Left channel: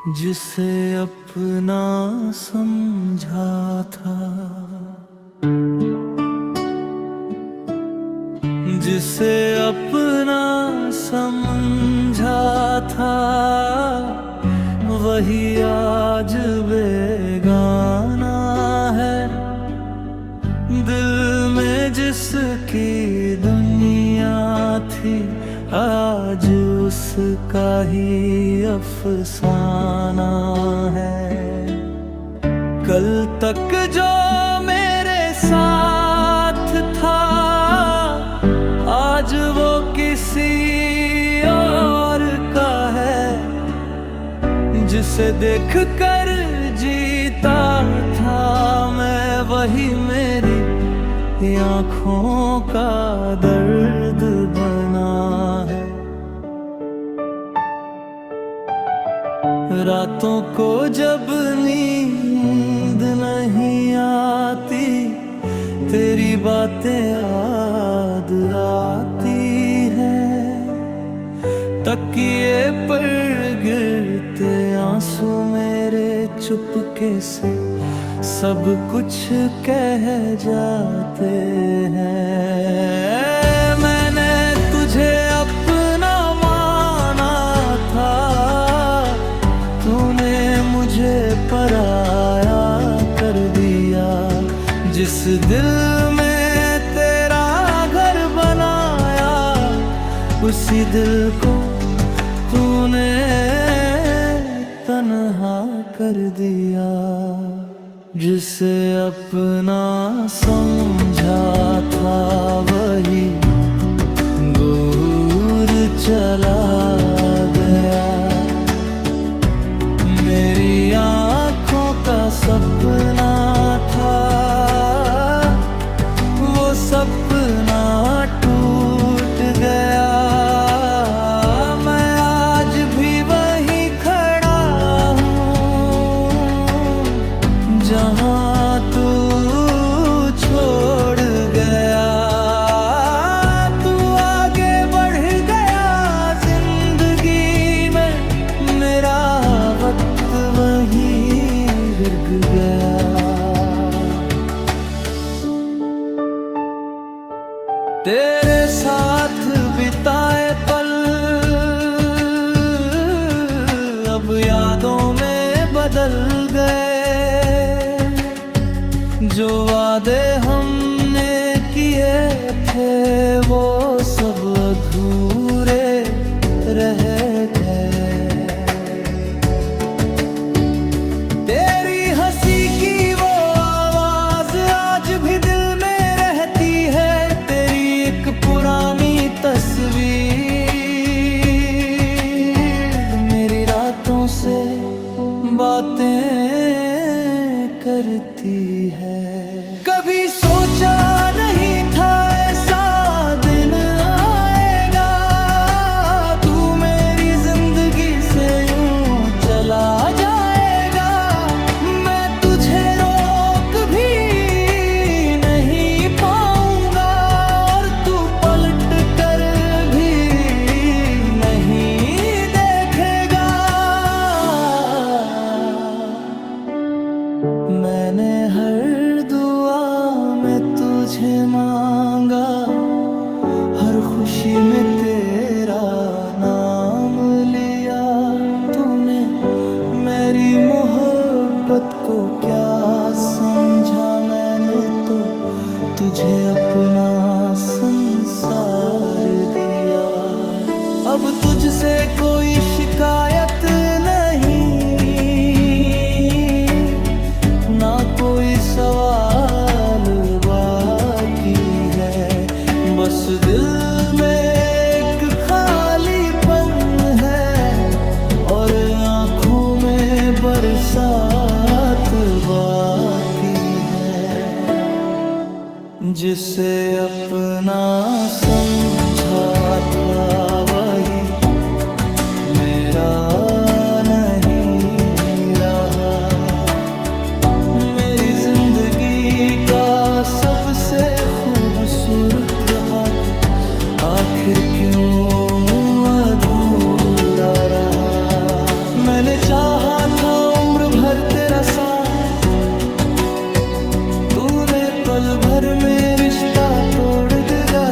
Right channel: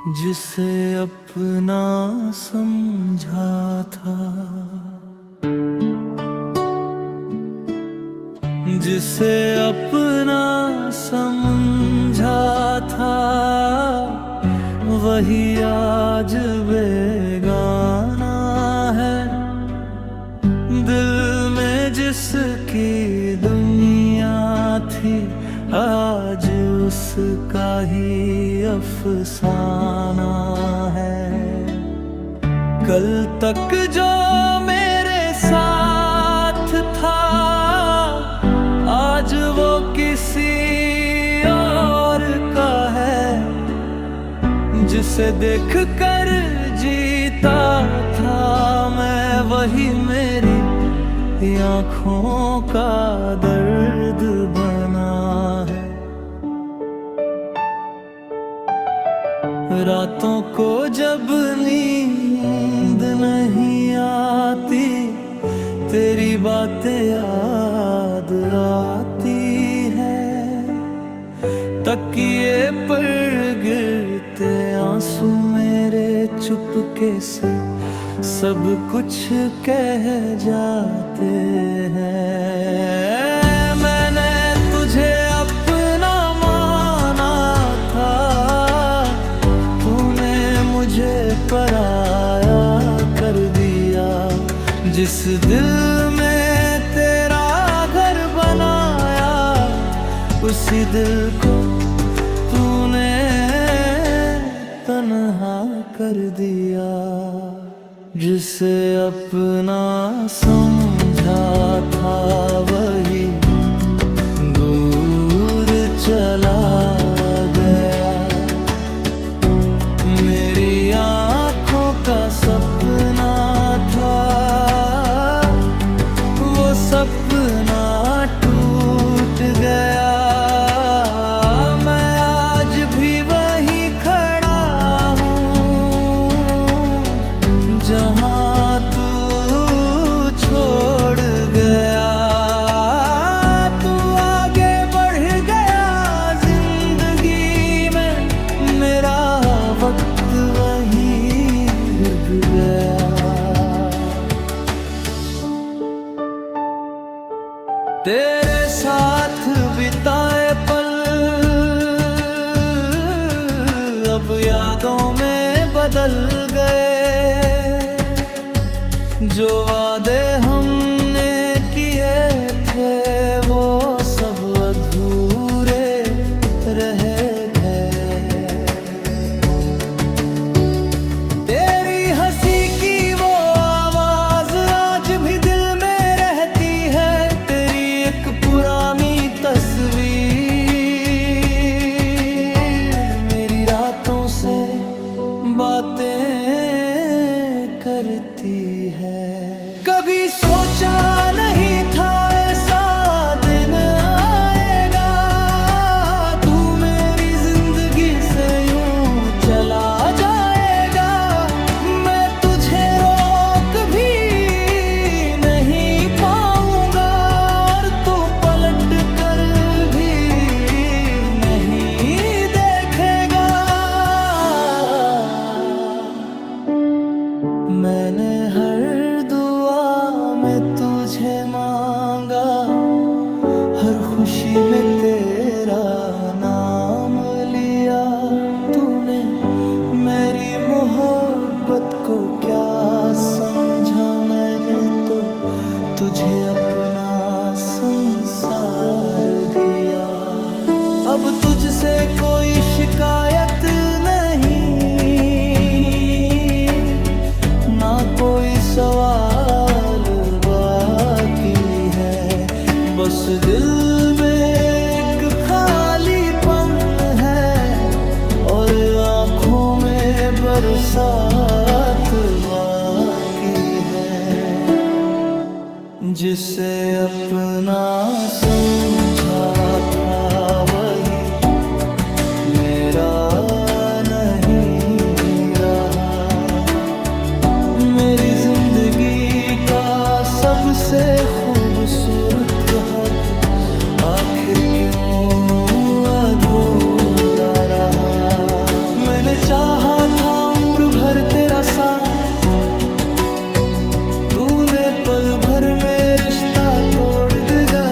जिसे अपना समझा था, जिसे अपना समझा था, वही आज बेगाना है। दिल में जिसकी दुनिया थी, आज उसका ही अफसाना है। कल तक जो मेरे साथ था, आज वो किसी और का है। जिसे देख कर जीता था मैं, वही मेरी आँखों का दर्द बना है। रातों को जब नींद नहीं आती, तेरी बातें याद आती है। तकिए पर गिरते आंसू मेरे चुपके से सब कुछ कह जाते हैं। मैंने तुझे अपना माना था, तूने मुझे पराया कर दिया। जिस दिल में तेरा घर बनाया, उसी दिल को तूने तन्हा कर दिया। जिसे अपना समझा था, वही दूर चला गया। मेरी आँखों का सपना था, वो सपना टूट गया। मैं आज भी वहीं खड़ा जहाँ तू छोड़ गया। तू आगे बढ़ गया जिंदगी में, मेरा वक्त वहीं रुक गया। तेरे साथ बिताए पल अब यादों में बदल गए। जो वादे हमने किए थे, वो सब अधूरे रह गए। तेरी हंसी की वो आवाज आज भी दिल में रहती है। तेरी एक पुरानी तस्वीर मेरी रातों से बातें करती है। कभी सोचा नहीं था ऐसा दिन आएगा, तू मेरी जिंदगी से यूं चला जाएगा। मैं तुझे रोक भी नहीं पाऊंगा, और तू पलट कर भी नहीं देखेगा। मैंने हर दुआ में तुझे मांगा, हर खुशी में तेरा नाम लिया। तूने मेरी मोहब्बत को क्या समझा, मैंने तो तुझे अपना संसार दिया। अब तुझसे कोई शिकायत नहीं, ना कोई सवाल बाकी है। बस दिल में एक खालीपन है, और आँखों में बरसात बाकी है। जिसे अपना समझा था, वही मेरा नहीं रहा। मेरी जिंदगी का सबसे खूबसूरत हक आखिर क्यों अधूरा रहा। मैंने मैंने चाहा था उम्र भर तेरा साथ, तूने पल भर में रिश्ता तोड़ दिया।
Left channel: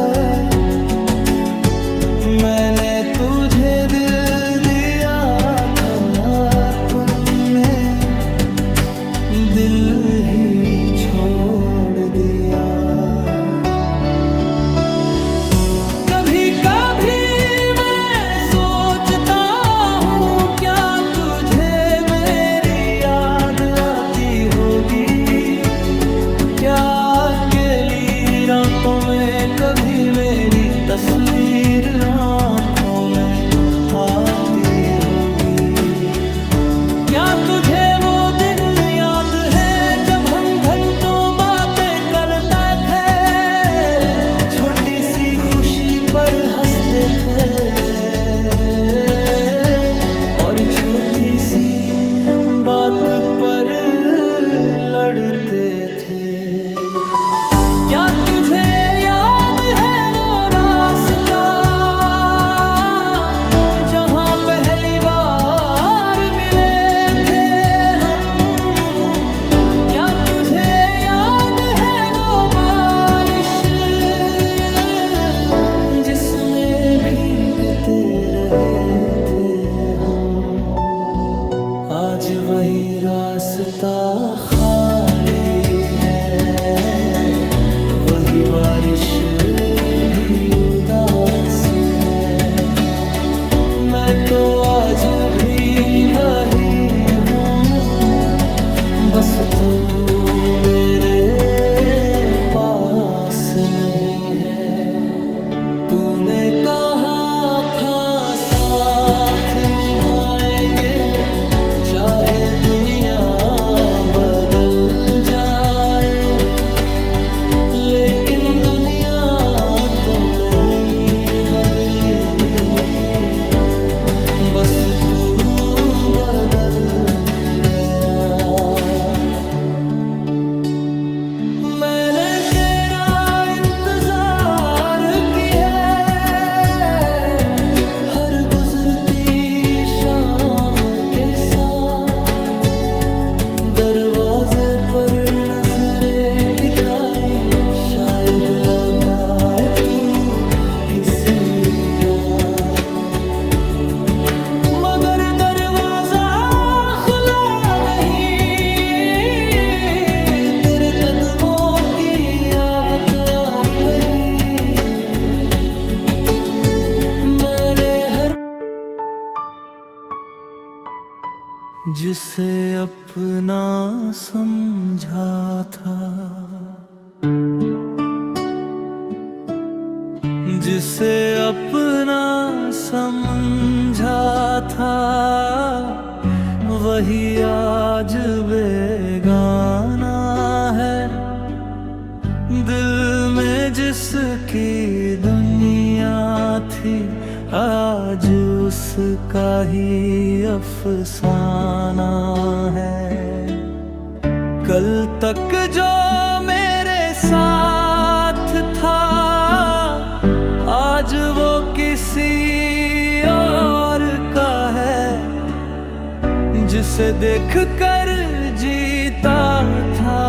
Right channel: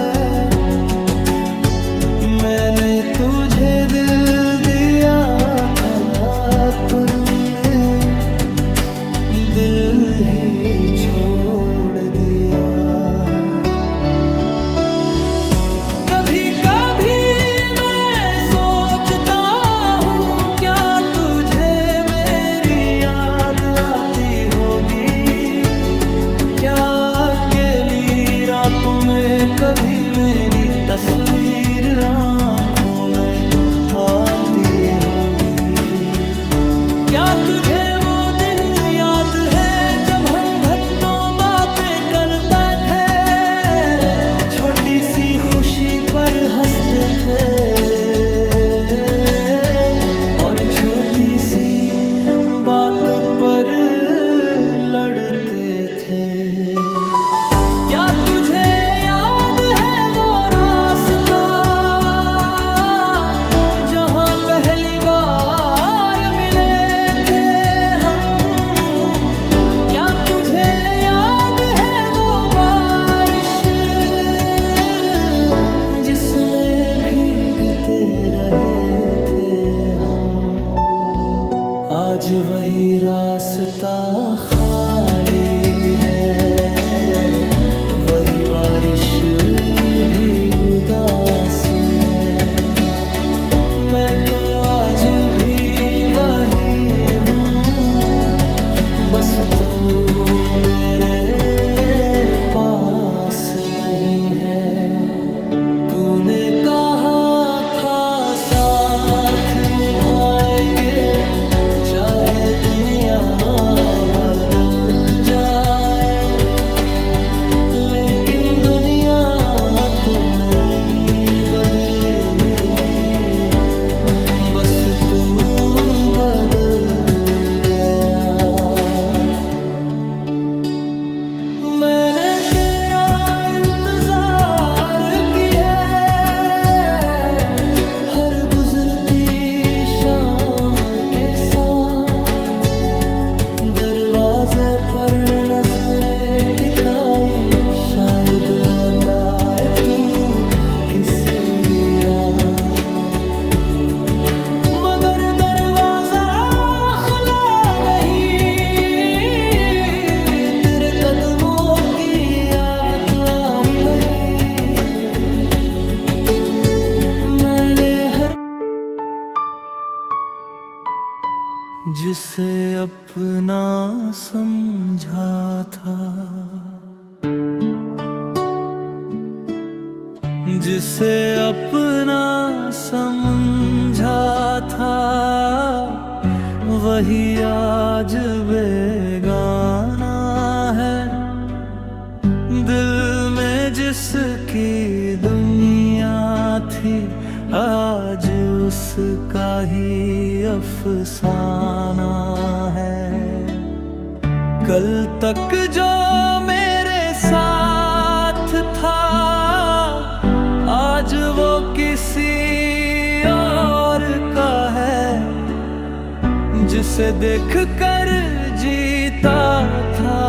मैंने तुझे दिल दिया था, पर तूने दिल ही छोड़ दिया। कभी कभी मैं सोचता हूँ, क्या तुझे मेरी याद आती होगी? क्या अकेली रातों में कभी मेरी तस्वीर आँखों में आती होगी? क्या तुझे वो दिन याद है जब हम घंटों बातें करते थे, छोटी सी खुशी पर हंसते थे और छोटी सी बात पर लड़ते थे? क्या तुझे याद है वो रास्ता जहां पहली बार मिले थे हम? क्या तुझे याद है वो बारिश जिसमें भीगते रहे थे हम? आज वही रास्ता खाली है, वही बारिश भी उदास है। मैं तो आज भी वही हूँ, बस तू मेरे पास नहीं है। तूने कहा था साथ निभाएंगे, चाहे दुनिया बदल जाए, लेकिन दुनिया तो नहीं बदली, बस तू बदल गया। मैंने तेरा इंतजार किया, हर गुजरती शाम के साथ दरवाजे पर नजरें टिकाई, शायद लौट आए तू किसी रात। मगर दरवाजा खुला नहीं, तेरे कदमों की आवत आनी बही। मैंने हर जिसे अपना समझा था, जिसे अपना समझा था, वही आज बेगाना है। दिल में जिसकी दुनिया थी, आज उसका ही अफसाना है। कल तक जो मेरे साथ था, आज वो किसी और का है। जिसे देख कर जीता था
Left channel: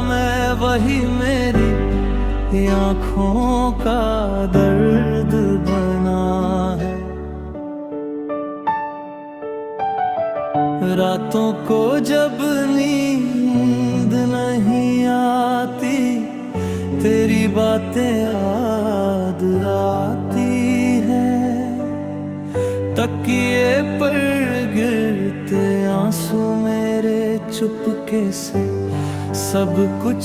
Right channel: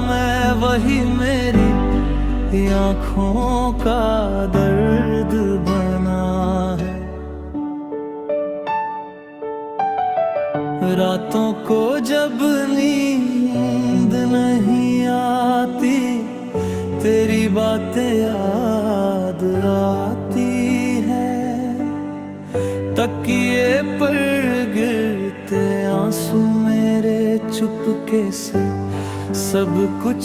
मैं, वही मेरी आँखों का दर्द बना है। रातों को जब नींद नहीं आती, तेरी बातें याद आती है। तकिए पर गिरते आंसू मेरे चुपके से सब कुछ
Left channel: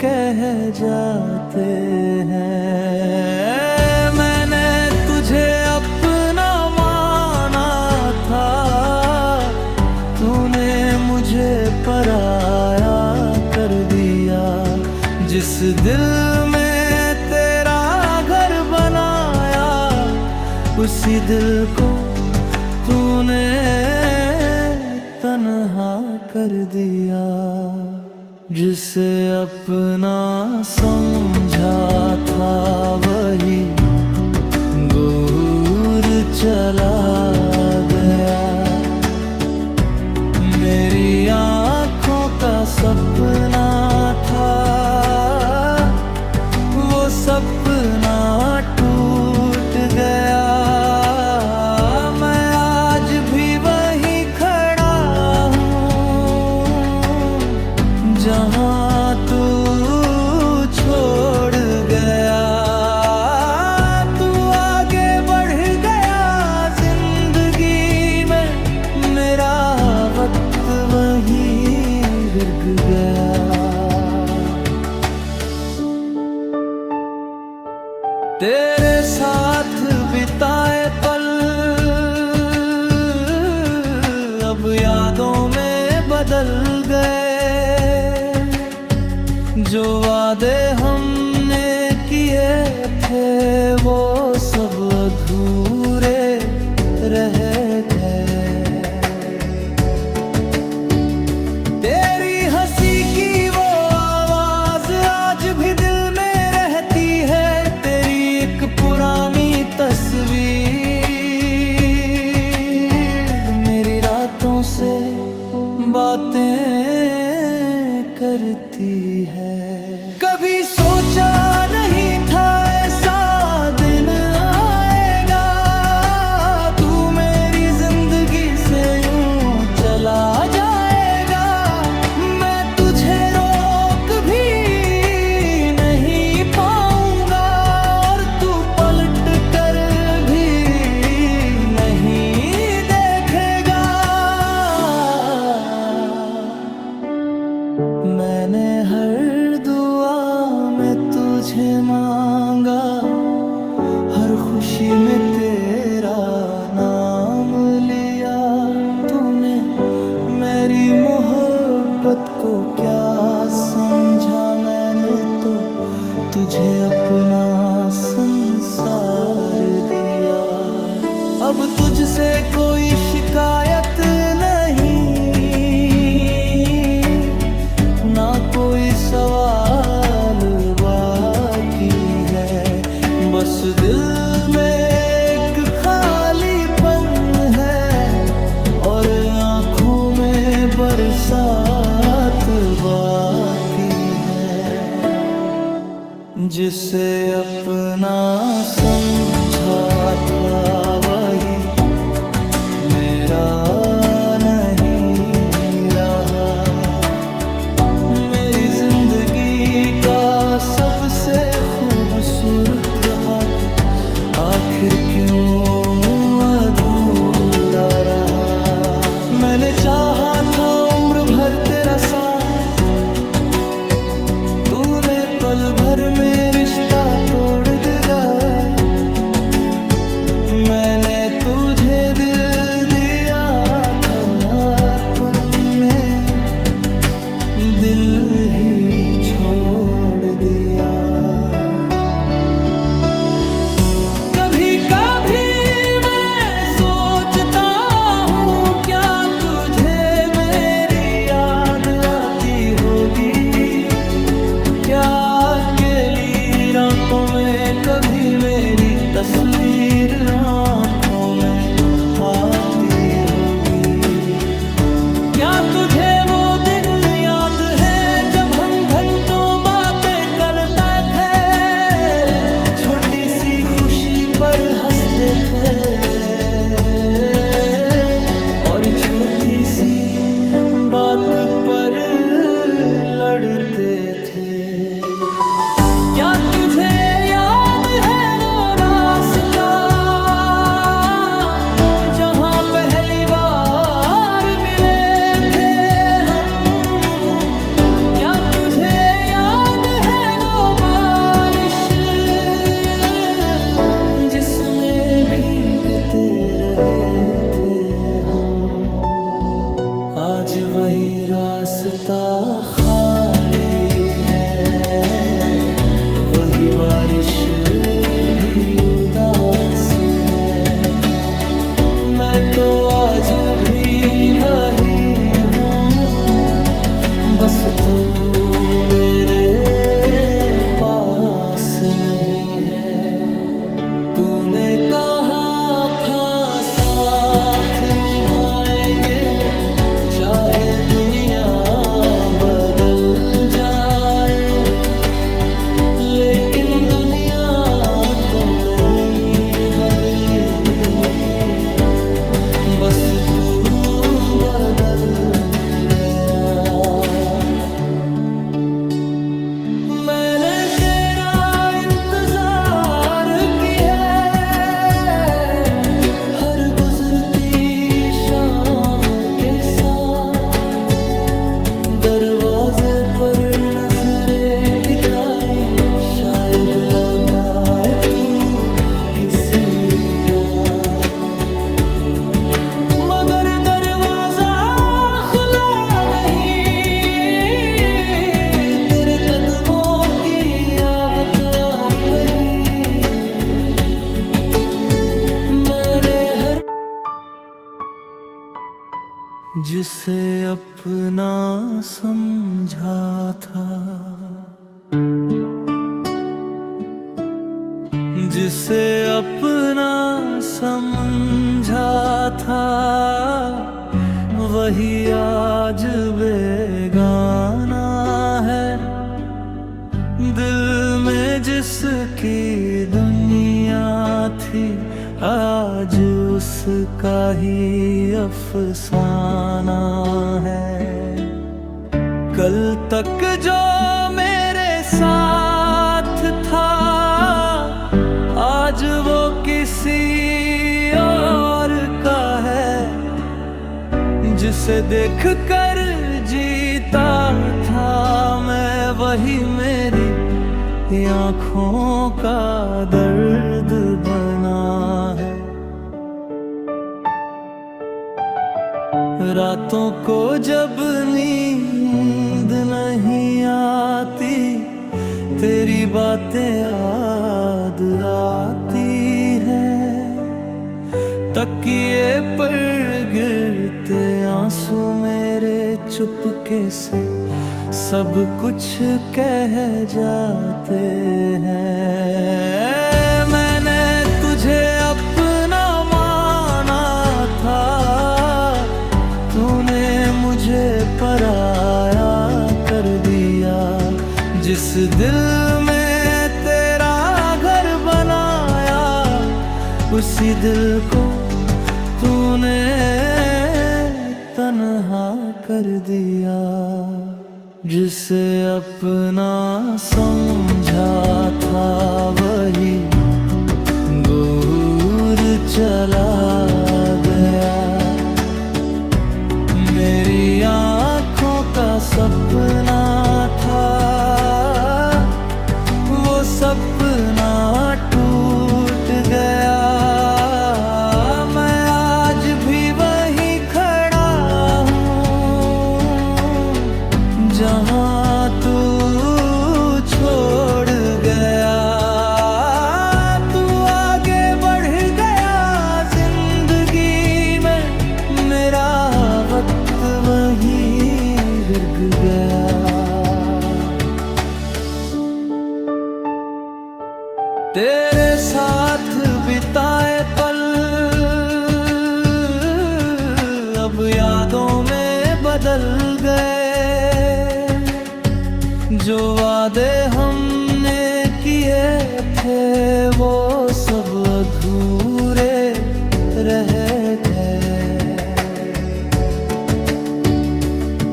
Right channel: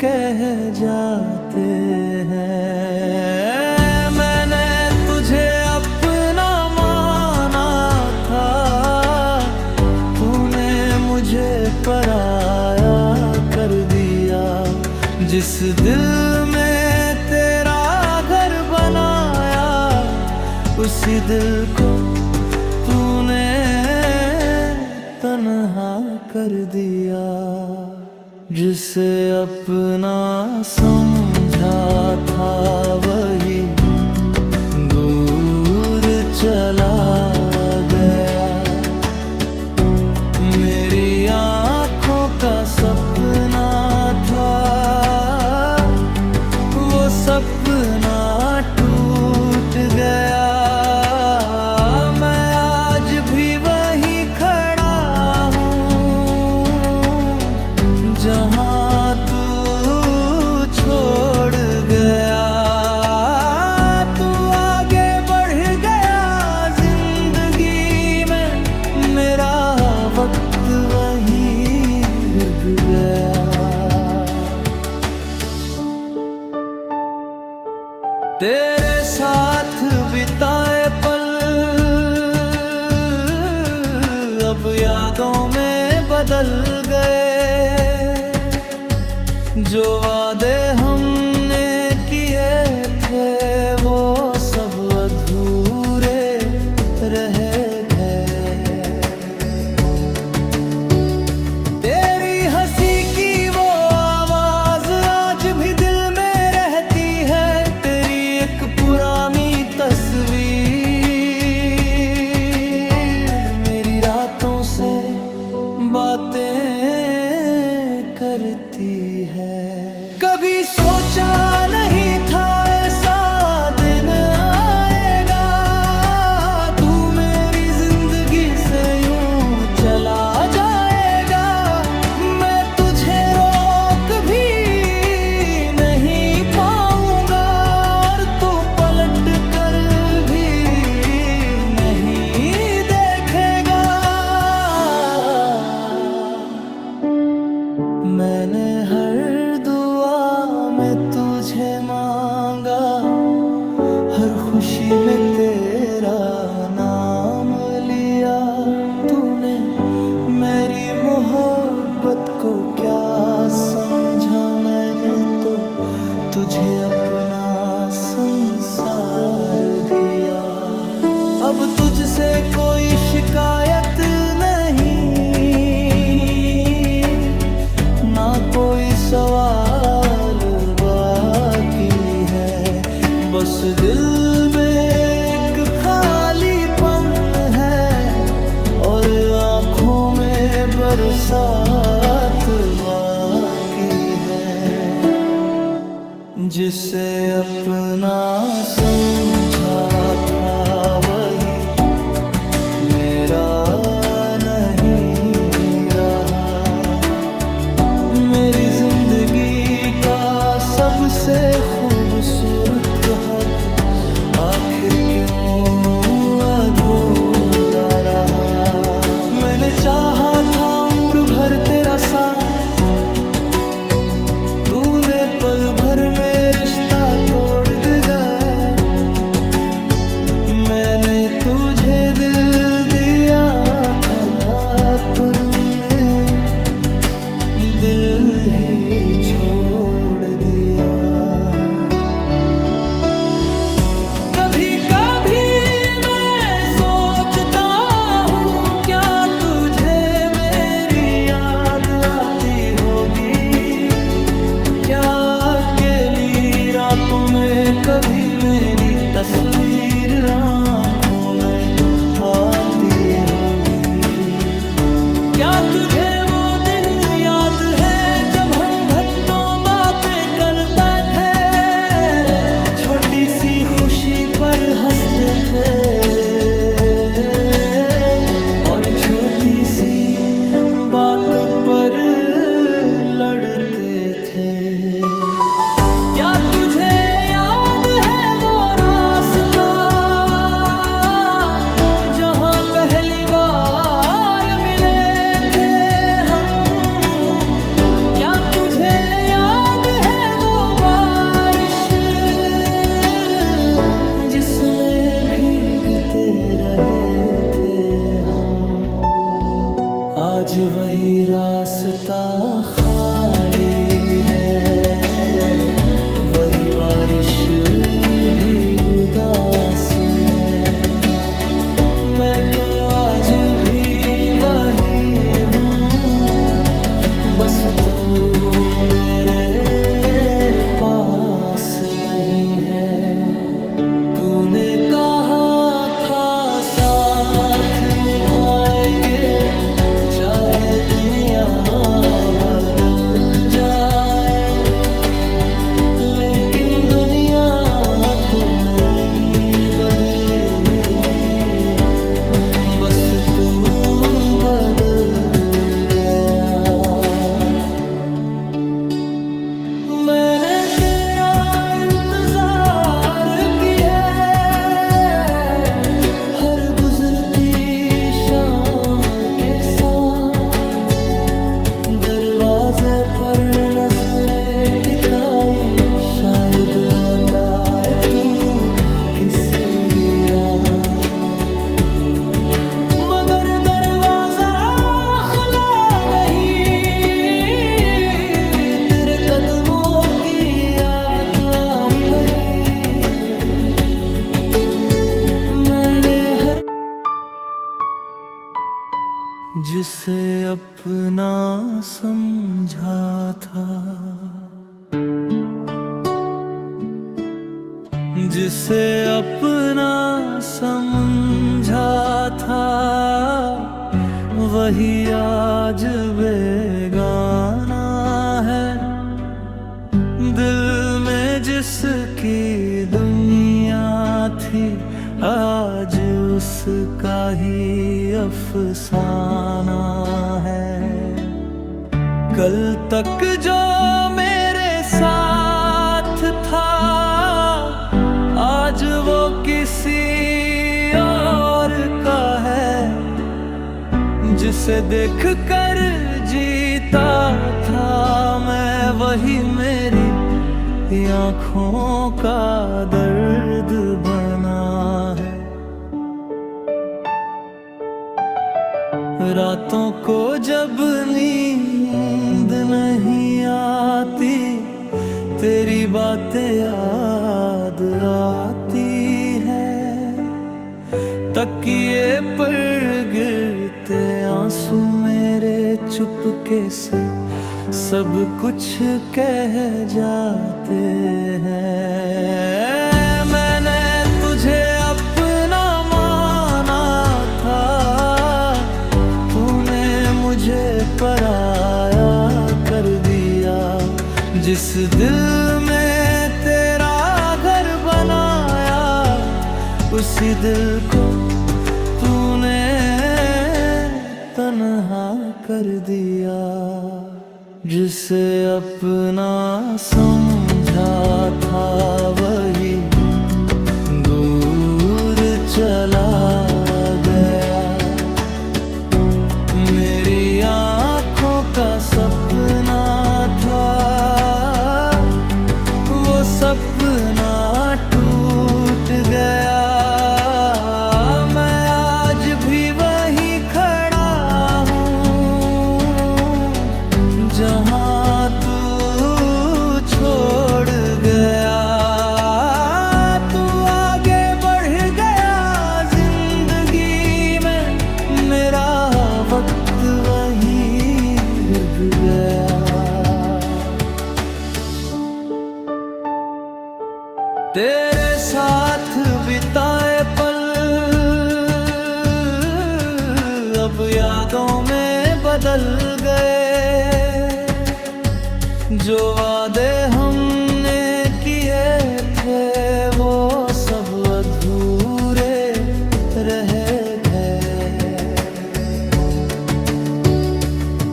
कह जाते हैं। मैंने तुझे अपना माना था, तूने मुझे पराया कर दिया। जिस दिल में तेरा घर बनाया, उसी दिल को तूने तन्हा कर दिया। जिसे अपना समझा था, वही दूर चला गया। का सपना था, वो सपना टूट गया। मैं आज भी वहीं खड़ा हूँ जहाँ तू छोड़ गया। तू आगे बढ़ गया जिंदगी में, मेरा वक्त वहीं रुक गया। तेरे साथ बिताए पल अब यादों में बदल गए। जो वादे हमने किए थे वो सब अधूरे रह गए। तेरी हंसी की वो आवाज आज भी दिल में रहती है। तेरी एक पुरानी तस्वीर मेरी रातों से बातें करती है। कभी सोचा नहीं था ऐसा दिन आएगा, तू मेरी जिंदगी से यूं चला जाएगा। मैं तुझे रोक भी नहीं पाऊंगा और तू पलट कर भी नहीं देखेगा। मैंने हर दुआ में तुझे मांगा, हर खुशी में तेरा नाम लिया। तूने मेरी मोहब्बत को क्या समझा, मैंने तो तुझे अपना संसार दिया। अब तुझसे कोई शिकायत नहीं, ना कोई सवाल बाकी है। बस दिल में एक खालीपन है और आँखों में बरसात बाकी है। जिसे अपना समझा था वही मेरा नहीं रहा। मेरी जिंदगी का सबसे खूबसूरत हद आखिर क्यों अधूरा रहा। मैंने चाहा था उम्र भर तेरा साथ, तूने पल भर में रिश्ता तोड़ दिया। मैंने तुझे दिल दिया था, तूने दिल ही छोड़ दिया। कभी कभी मैं सोचता हूँ क्या तुझे मेरी याद आती होगी। क्या अकेली रातों में कभी मेरी तस्वीर आँखों में आती होगी। क्या तुझे वो दिन याद है जब हम घंटों बातें करते थे, छोटी सी खुशी पर हंसते थे और छोटी सी बात पर लड़ते थे। क्या तुझे याद है वो रास्ता जहाँ पहली बार मिले थे हम। क्या तुझे याद है वो बारिश जिसमें भीगते रहे थे हम। आज वही रास्ता खाली है, वही बारिश भी उदास है। मैं तो आज भी वही हूँ, बस तू मेरे पास नहीं है। तूने कहा था साथ निभाएंगे चाहे दुनिया बदल जाए, लेकिन दुनिया तो नहीं बदली, बस तू बदल गया। मैंने तेरा इंतजार किया, हर गुजरती शाम के साथ दरवाजे पर नजरें टिकाई, शायद लौट आए तू किसी रात। मगर दरवाजा खुला नहीं, तेरे कदमों की आवत आनी बही। मैंने हर जिसे अपना समझा था, जिसे अपना समझा था, वही आज बेगाना है। दिल में जिसकी दुनिया थी, आज उसका ही अफसाना है। कल तक जो मेरे साथ था, आज वो किसी और का है। जिसे देख कर जीता था मैं, वही मेरी आँखों का दर्द बना है। रातों को जब नींद नहीं आती, तेरी बातें याद आती है। तकिए पर गिरते आंसू मेरे चुपके से सब कुछ कह जाते हैं। मैंने तुझे अपना माना था, तूने मुझे पराया कर दिया। जिस दिल में तेरा घर बनाया, उसी दिल को तूने तन्हा कर दिया। जिसे अपना समझा था, वही दूर चला गया। मेरी आँखों का सपना था, वो सपना टूट गया। मैं आज भी वहीं खड़ा हूँ, जहाँ तू छोड़ गया। तू आगे बढ़ गया जिंदगी में, मेरा वक्त वहीं रुक गया। तेरे साथ बिताए पल अब यादों में बदल गए। जो वादे हमने किए थे, वो सब अधूरे रह गए।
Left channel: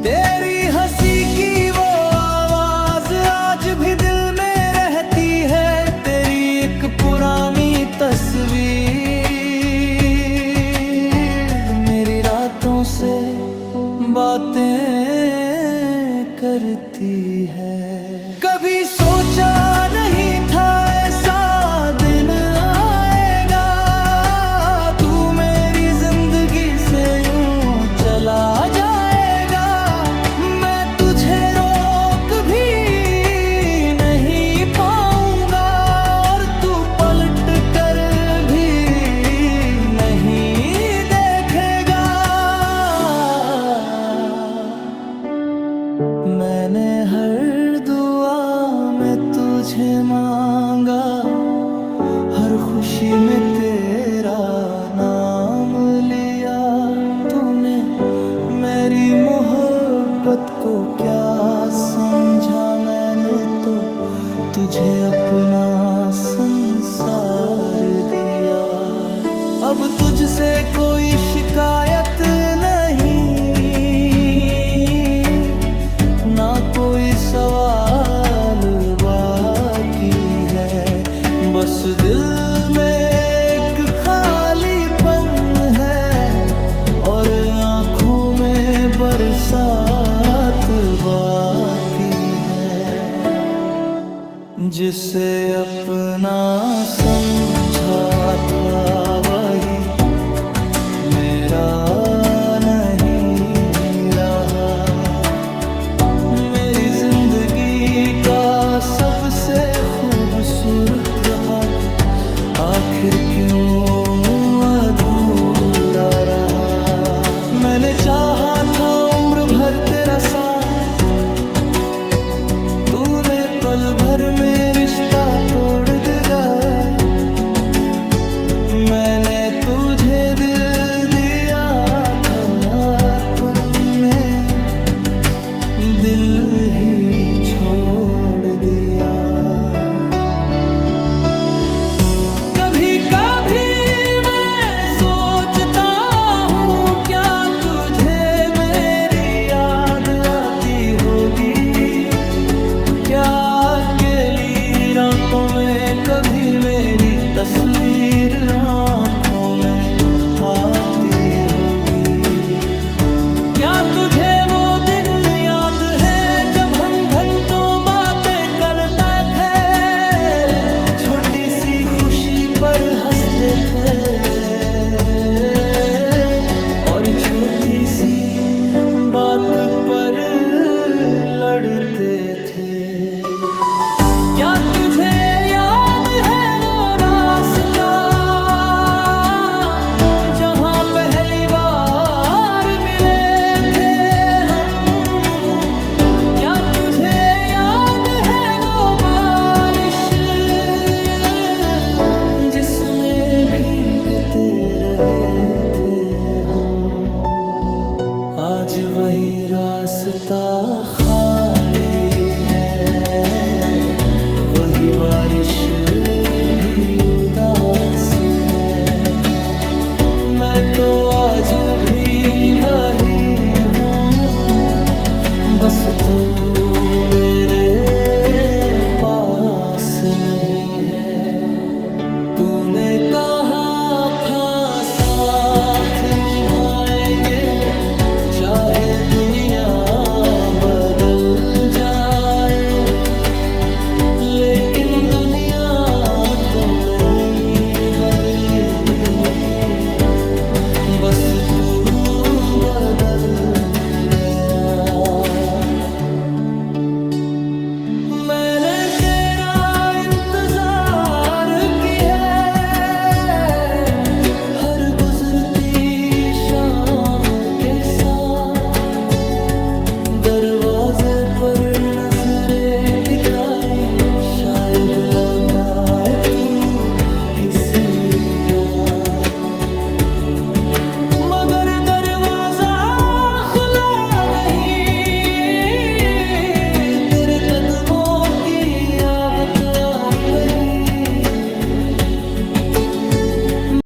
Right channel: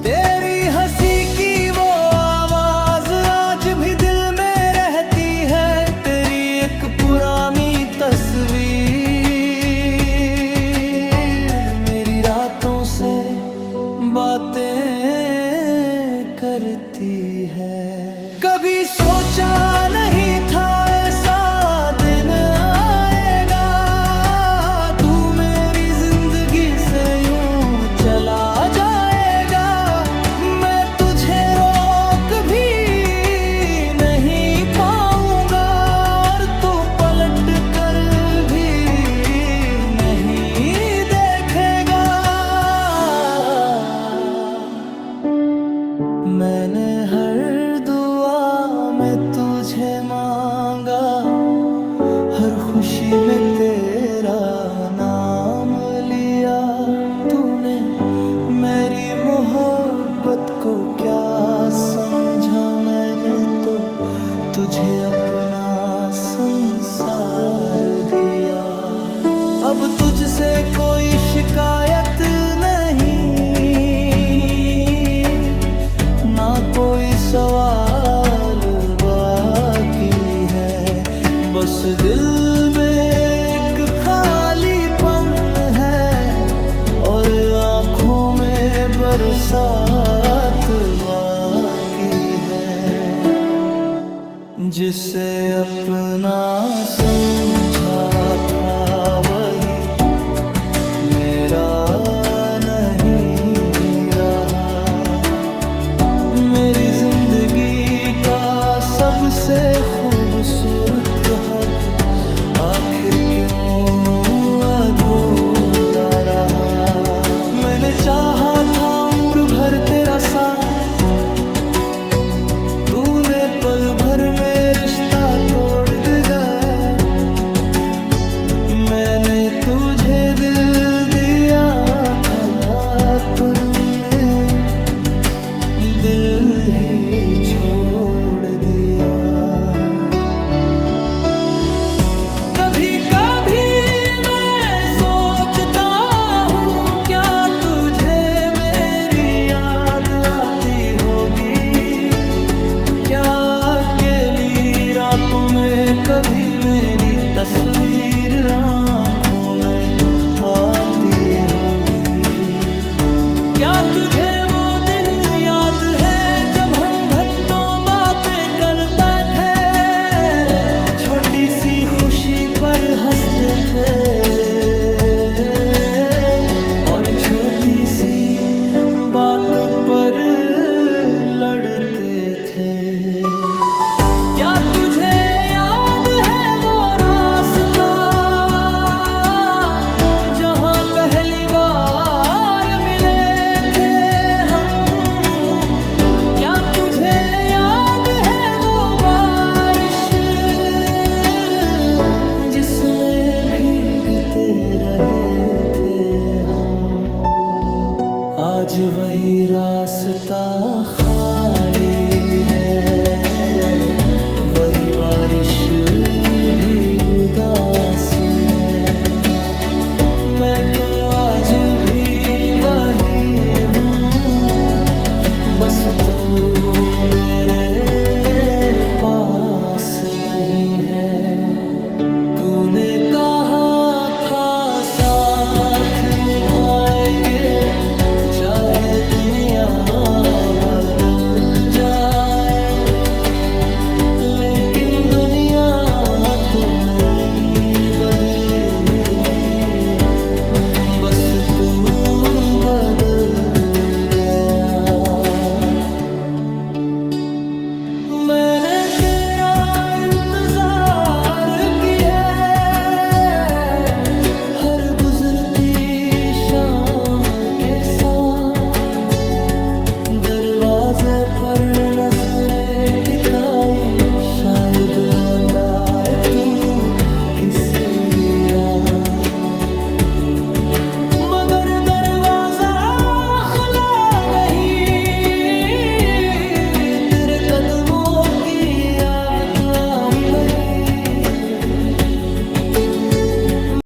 तेरी हंसी की वो आवाज आज भी दिल में रहती है। तेरी एक पुरानी तस्वीर मेरी रातों से बातें करती है। कभी सोचा नहीं था ऐसा दिन आएगा, तू मेरी जिंदगी से यूं चला जाएगा। मैं तुझे रोक भी नहीं पाऊंगा, और तू पलट कर भी नहीं देखेगा। मैंने हर दुआ में तुझे मांगा, हर खुशी में तेरा नाम लिया। तूने मेरी मोहब्बत को क्या तुझे अपना संसार दिया। अब तुझसे कोई शिकायत नहीं, ना कोई सवाल बाकी है। बस दिल में एक खालीपन है और आँखों में बरसात बाकी है। जिसे अपना समझा था वही मेरा नहीं रहा। मेरी जिंदगी का सबसे खूबसूरत हब आखिर क्यों अधूरा रहा। मैंने चाहा था उम्र भर तेरा साथ, तूने पल भर में रिश्ता तोड़ दिया। मैंने तुझे दिल दिया था, तूने दिल ही छोड़ दिया। कभी कभी मैं सोचता हूँ, क्या तुझे मेरी याद आती होगी। क्या अकेली रातों में कभी मेरी तस्वीर आँखों में आती होगी। क्या तुझे वो दिन याद है जब हम घंटों बातें करते थे, छोटी सी खुशी पर हंसते थे और छोटी सी बात पर लड़ते थे। क्या तुझे याद है वो रास्ता जहां पहली बार मिले थे हम। क्या तुझे याद है वो बारिश जिसमें भीगते रहे थे हम। आज वही रास्ता खाली है, वही बारिश भी उदास है। मैं तो आज भी वही हूँ, बस तू मेरे पास नहीं है। तूने कहा था साथ निभाएंगे, चाहे दुनिया बदल जाए। लेकिन दुनिया तो नहीं बदली, बस तू बदल गया। मैंने तेरा इंतजार किया हर गुजरती शाम के साथ। दरवाजे पर नजरें टिकाई, शायद लौटाए तू किसी रात।